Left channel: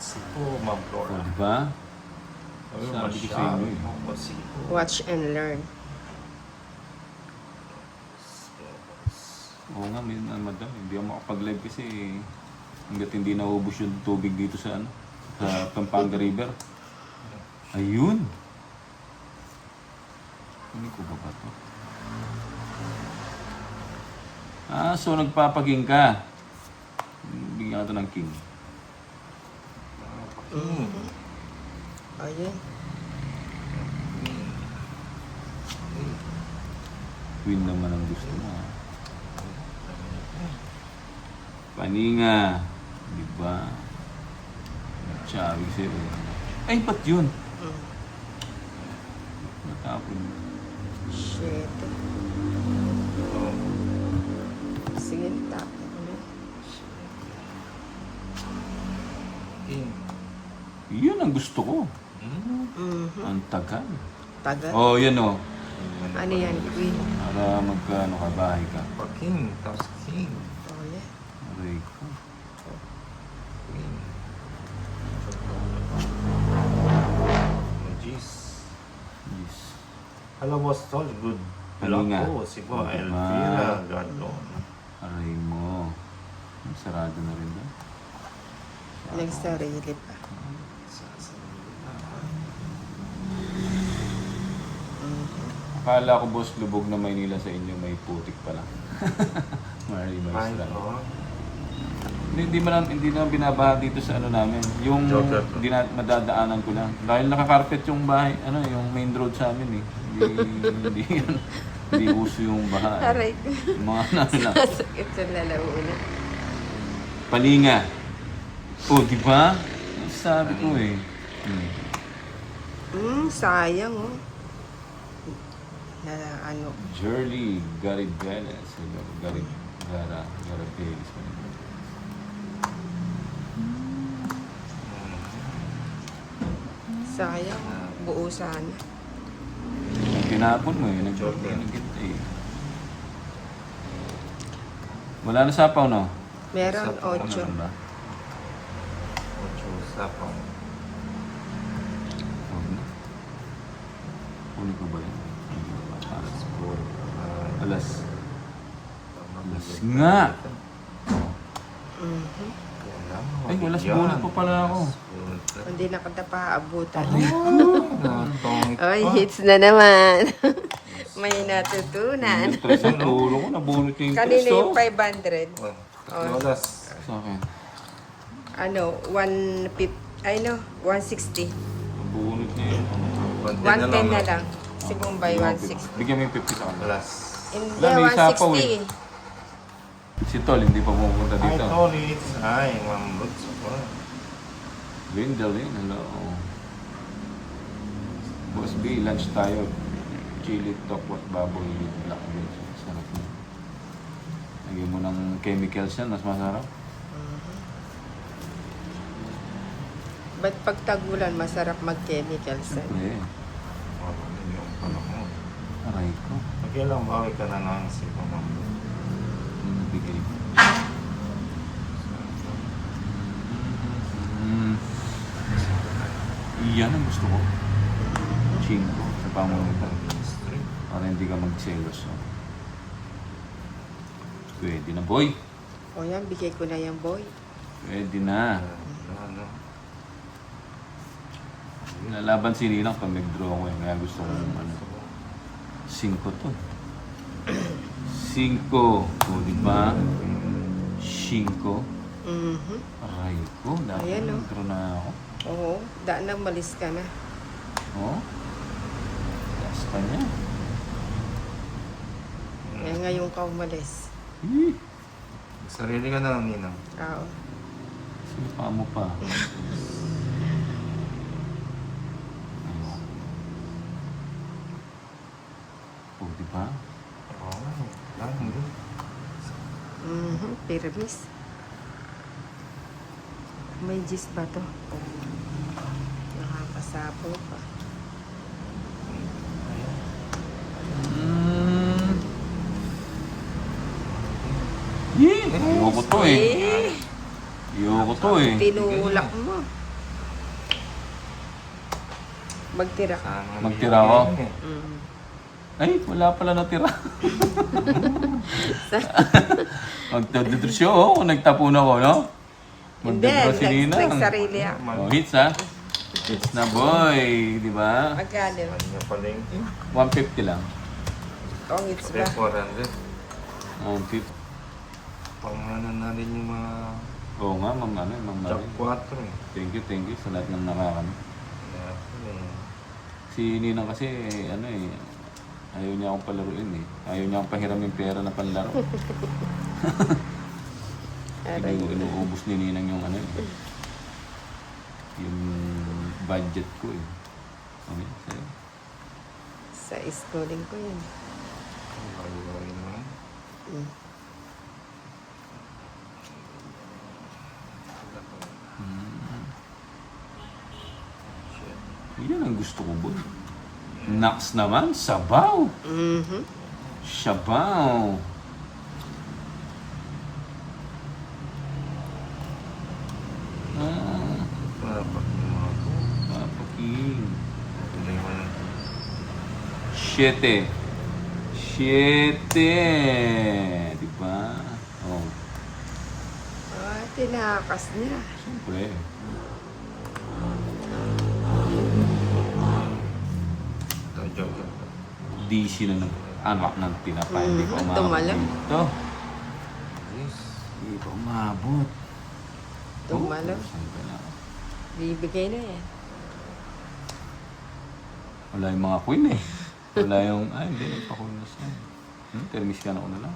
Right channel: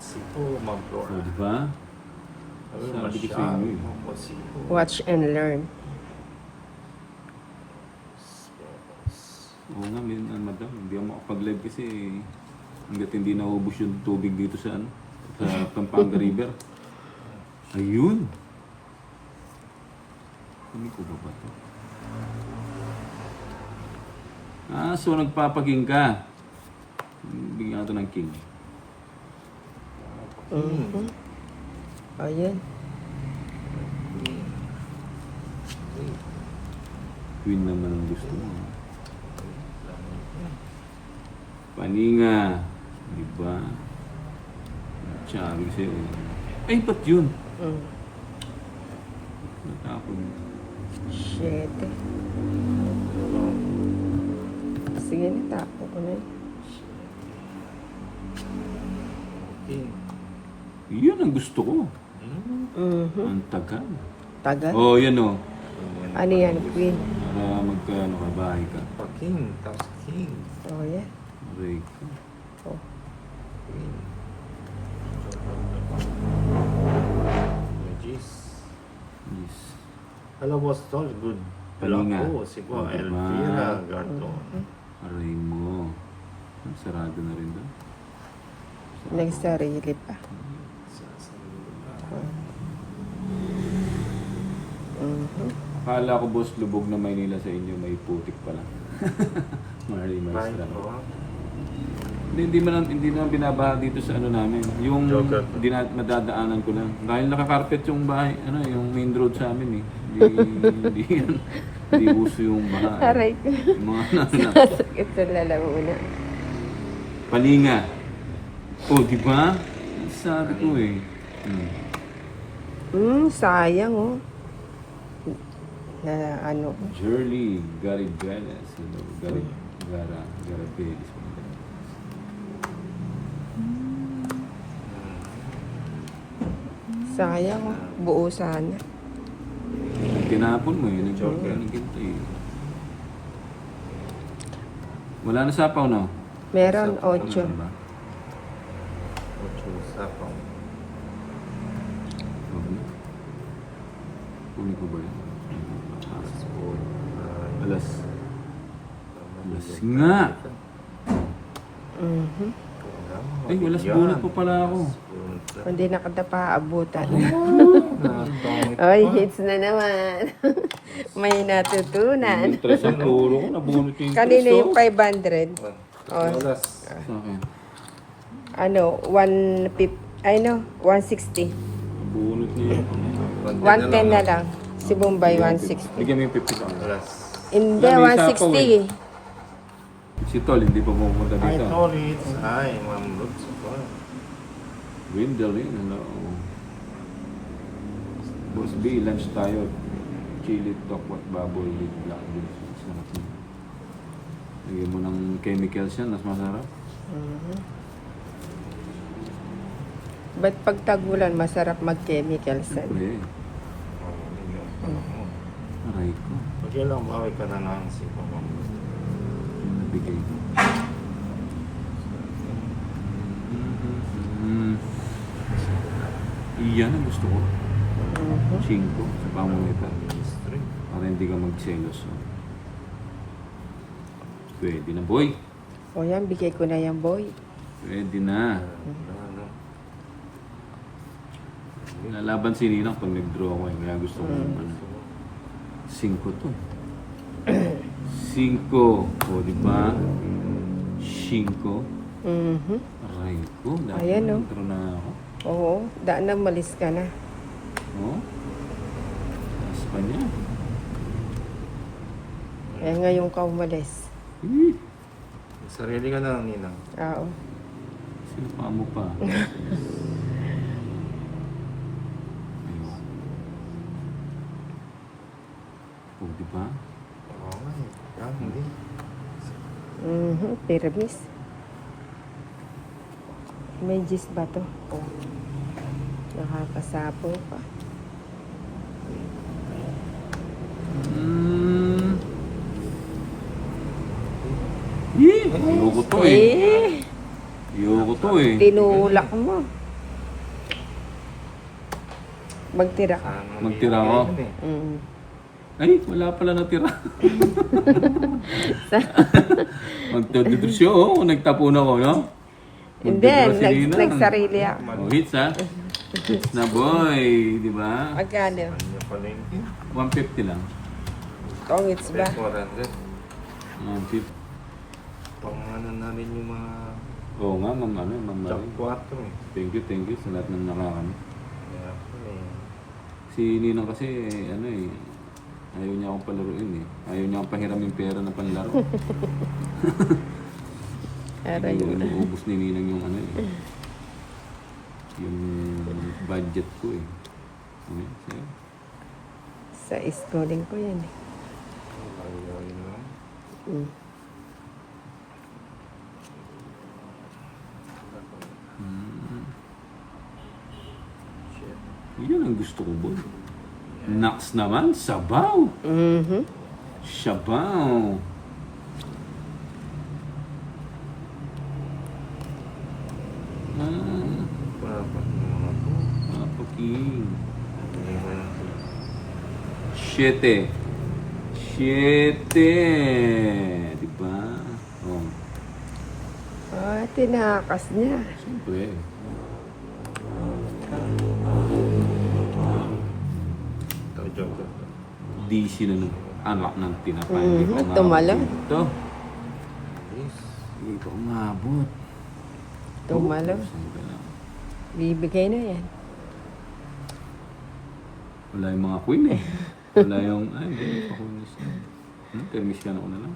Sipo, Ma'am O, Flora. di ba? Ay, Sabi ko sa masyado, inyo eh. Ma'am Sipo. Watch and learn. Oo nga, madam. Hindi ako makapag-live kasi hanggat hindi naubos yung tubig dito sa ano, sa Pampanga River. Ayun! Ano ko ba to? Ah, so nagpapaging ka. Bigyan ka to ng king. Ayan. Queen naman ang gusto mo. Ha? Paninga. Diba? Sabi sa'yo. Ay, ba't yun? Natapon. Shit. Sige na. Yun ang gusto ko. Mhm. Ang tagal. Tagal. Oh, yan o. Ano yan? Queen. Para magkaano ka, bahay ka. King, tapos king. Oh, yeah. Aray ko. Queen. Jeez. Yes. Hello, boss Tol. Good. Paninga. Hello po. Sipo, Okay, Elvira. ma. Gardo. Aray mo. Sarado na rin doon. Nagsarili pa. Akala ko boss, lubog na Maynila sa inyo, may putik pala. Maray mo Ay, restaurant. no. Hindi na binabaha dito sa ano namin. Yung madadaanan ko lang. Dahil nakakarpet yung bahay, ano, yung main road sa amin eh. Hindi uso yung baha. Aray ko. Yung mga ano lang. Ito na lang ulo. Paninga. Oh, di ba? Sabi ko eh. Sayang oh. Na ano. Jurley, Garibeles, Garibeles. Sayang oh. Buo sana. Pinapon mo eh. Nag-joke. Wala na sapaw, no? Meron Ano 8. ba? Sapang. Ano ko ba yun? Alas nga! Ay, alas bunot pa pala ako. Hindi na kita paabutan. Pangit. Oy, hits na naman. May natutunan. Interest ang luro ko, nabunot yung Kanina interest yung oh. 500. Alas. Sa akin. Ano, 150, ay no, 160. Nabunot niya yun. 110 na lang. Si Bombay, 160. Bigyan mo yung 50 sa akin. Alas. Hindi, Wala, may sapaw 160. Si Tol, hindi pa pumunta Hi, dito. Tolits. Hi, Ma'am Lutz. Win the win, ano? Boss B, lunch tayo. Chili tokwat baboy with black beans. Sarap na. Lagyan mo ng chemicals yan, mas masarap. Ba't pag tag-ulan, masarap mag-chemicals? Uli. Aray ko. Okay lang, bawi ka na naman si Ma'am. Nagbigay ko. Yan ang gusto ko. 5 sa pamumukan. Para hindi ka magselos. No? Pwede na, boy. O yan, bigay ko na yan, boy. Pwede na. Nalaban si Ninang pag nag-draw ko. Kaya gusto ko naman. 5 to. 5. O, di ba? 5. Aray ko. Dapat Ayan, oh. nag-draw na ako. Oo, daan na, malis ka na. Oh? Sa kanya. Eh, ngayon ka umalis. Sarili ka na, Ninong. Oo. Sumpa mo pa. Oh, di ba? Pirmis. May gis ba to? Oh. Nakakasapoy pa. Ayoko to eh. Ayoko to eh. Tinulak mo. Magtira ka. Sana Magtira ako. bibigyan eh. Mm. Ay, wala pala natira. Magtududusyo, oh, kung nagtapon ako, no? Hindi, Magduduro si Ninang. nagsarili ako. Oh, hits ha? Hits na boy, di ba? Magkano? Ano pala yun? 150 lang. Oh, it's ba? Step 100. 150. Pang ano na rin yung mga Oo nga, ma'am, ano, ma'am, Jack Marie. 4 eh. Thank you sa lahat ng nakakano. Kaya, eh, Si Ninang kasi, ano eh, ayaw niya akong palaruin eh. Ayaw niya akong pahiram yung pera na panlaro. Aray. Inuubos ni Ninang yung ano eh. Yung budget ko eh. Ano yun? Sa'yo? Sa schooling ko yan. Ayun mo yun. Mm. Yan ang gusto ko boy. Naks naman, sabaw. Mhm. Sabaw. Ah, mapakin. Siete. Diba? Oh, Ah, tinakas niya. siyempre. Di sila ng anak ng pinapay. Hindi ko umabot. Tumalo. Ito. Hindi ko umabot. Tumalo. Saan ka na? Bibigay na yan. Wala yung mga queen eh. Wala yung, ay, hindi pa queen na siya. Termis ka na una lang.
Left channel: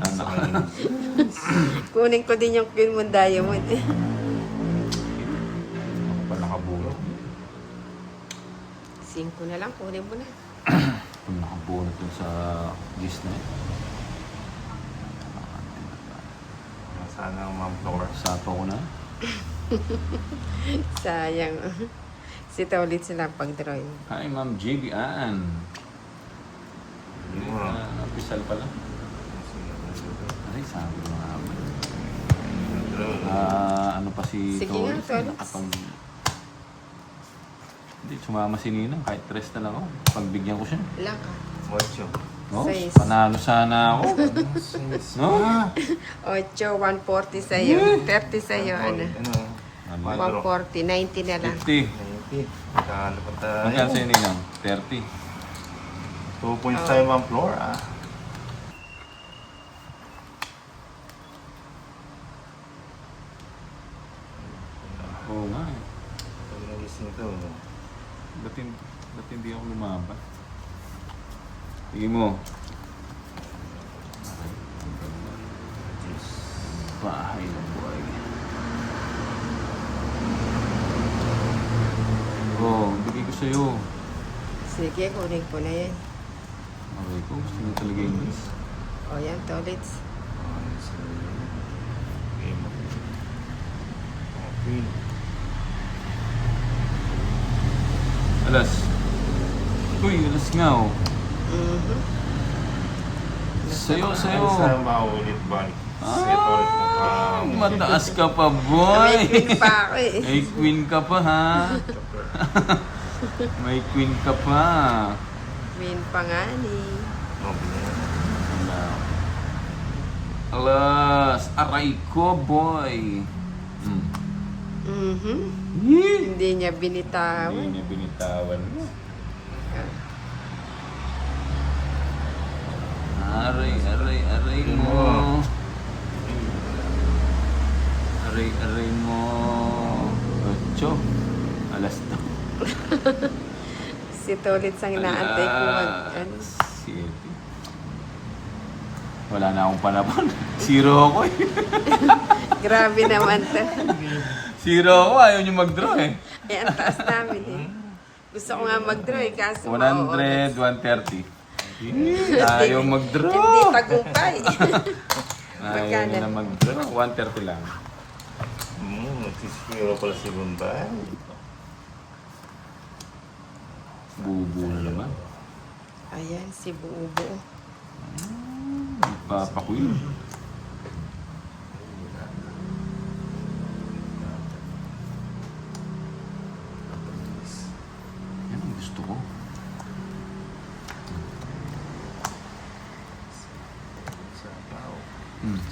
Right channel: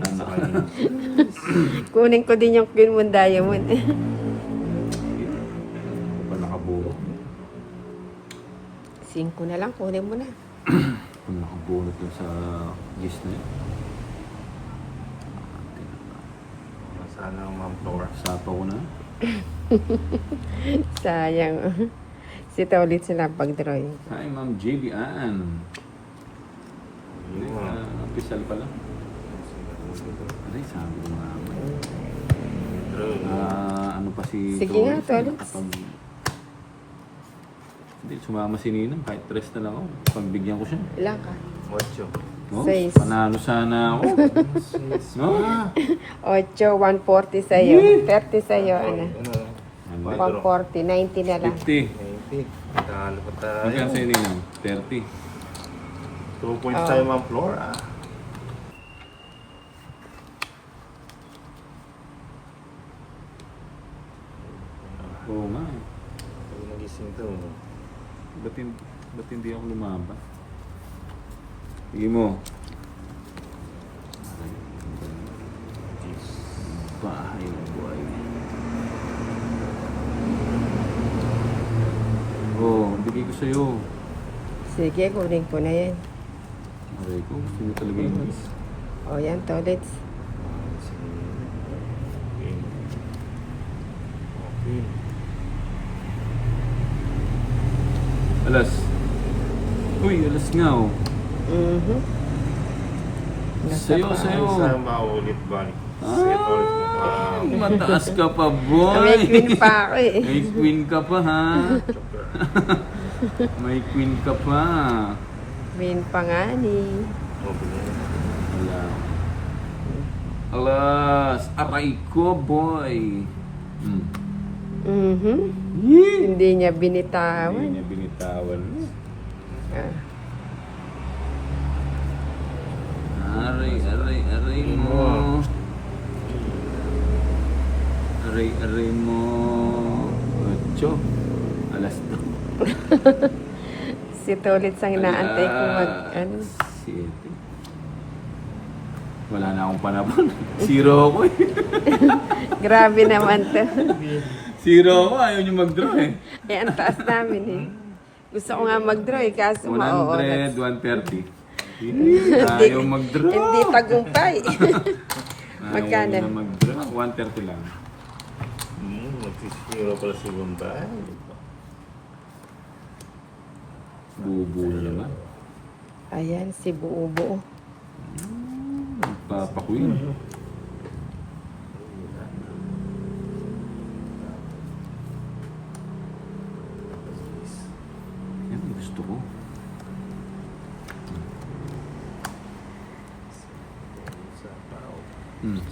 Anak na. Kunin ko din yung Queen Moon Diamond. Ako pa nakaburo. 5 na lang, kunin mo na. Kung nakabunot dun sa Disney. Sana ang Ma'am Flor. Sato ko na. Sayang. Si Tolit sila pag-drawing. Hi, Ma'am JB Ann. Yun mo. Napisal pala. Ay, sabi ko nga. Yun. Ano pa si Sige, Tolit? Tolit. Hindi, sumama si Ninang. Kahit 3 na lang ako. Pagbigyan ko siya. Wala ka. Ocho. No? 6. Panalo sana ako. No? 8, 140 sa'yo. 30 sa'yo, ano. Ano? 140, 90 na lang. 50. 90. Nakalo pa tayo. Magkano sa'yo Ninang? 30. 2 points tayo Ma'am Flor ah. Oo nga. Ay, nagising to. Ba't hindi ako lumaban? Sige mo. Bahay na buhay. Oh, bigay ko sa'yo. Sige, kunin ko na yan. Aray ko, gusto mo talaga yung mas. O yan, Tolits. Okay. Alas. Uy, alas nga oh. Mhm. Sa'yo. Sana maulit balik. Set ulit na pa. Mataas ka pa, May boy. queen pa ako eh. May queen ka pa, ha? May queen ka pa. Queen pa nga ni. Wala. Alas, aray ko, boy. Mhm. Yee! Hindi niya binitawan. Hindi niya binitawan. Aray mo. Aray mo. Ocho. Alas na. Si Tolits ang inaantay ko mag, ano. Sige. Wala na akong panapon. Zero ako eh. Grabe naman to. Zero ako. Ayaw niyo mag-draw eh. Eh, ang taas namin eh. Gusto ko nga mag-draw eh, kaso 100, 130. Ayaw mag-draw. Hindi tagumpay. Ayaw Magkano? na mag-draw. 130 lang. Nagsispiro pala si Bunda. Bubo na naman. Ayan, si Buubo. Nagpapakuin. gusto ko.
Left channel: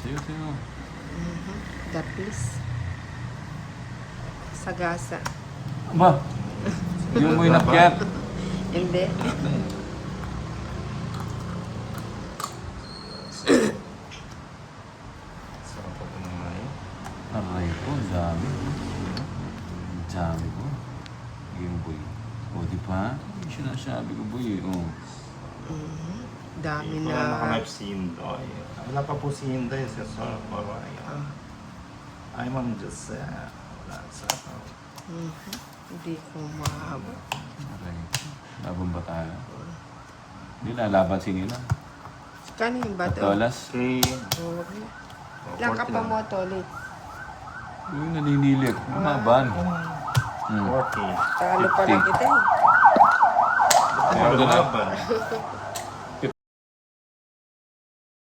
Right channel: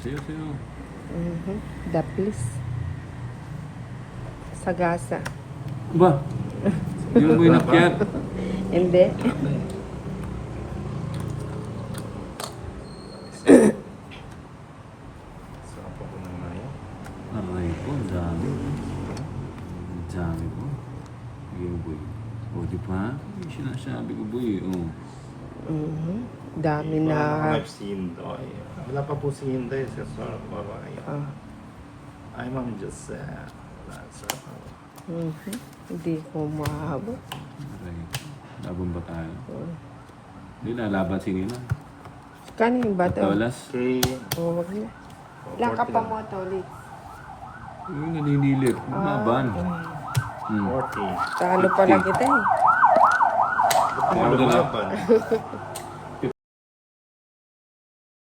Sayo. Daplis. Sagasa. Ma! Yung mo inakyat. Hindi. Sarap po po naman eh. Aray ko, ang dami. Ang dami ko. Yung boy. O, di ba? Yung sinasabi ko, boy. O. Dami Hindi pa na. nakalap si Inday. Wala pa po si Inday sa Sarap Baray. I'm on just Hindi ko mahabot. Aray ko. Labang ba tayo? Hindi, nalaban si Nina. Kanino ba to? Tolas. Okay. Wag na. Laka pa mo to ulit. Yung naninilit. Lumaban. Okay. Talo pala kita eh. Lumaban.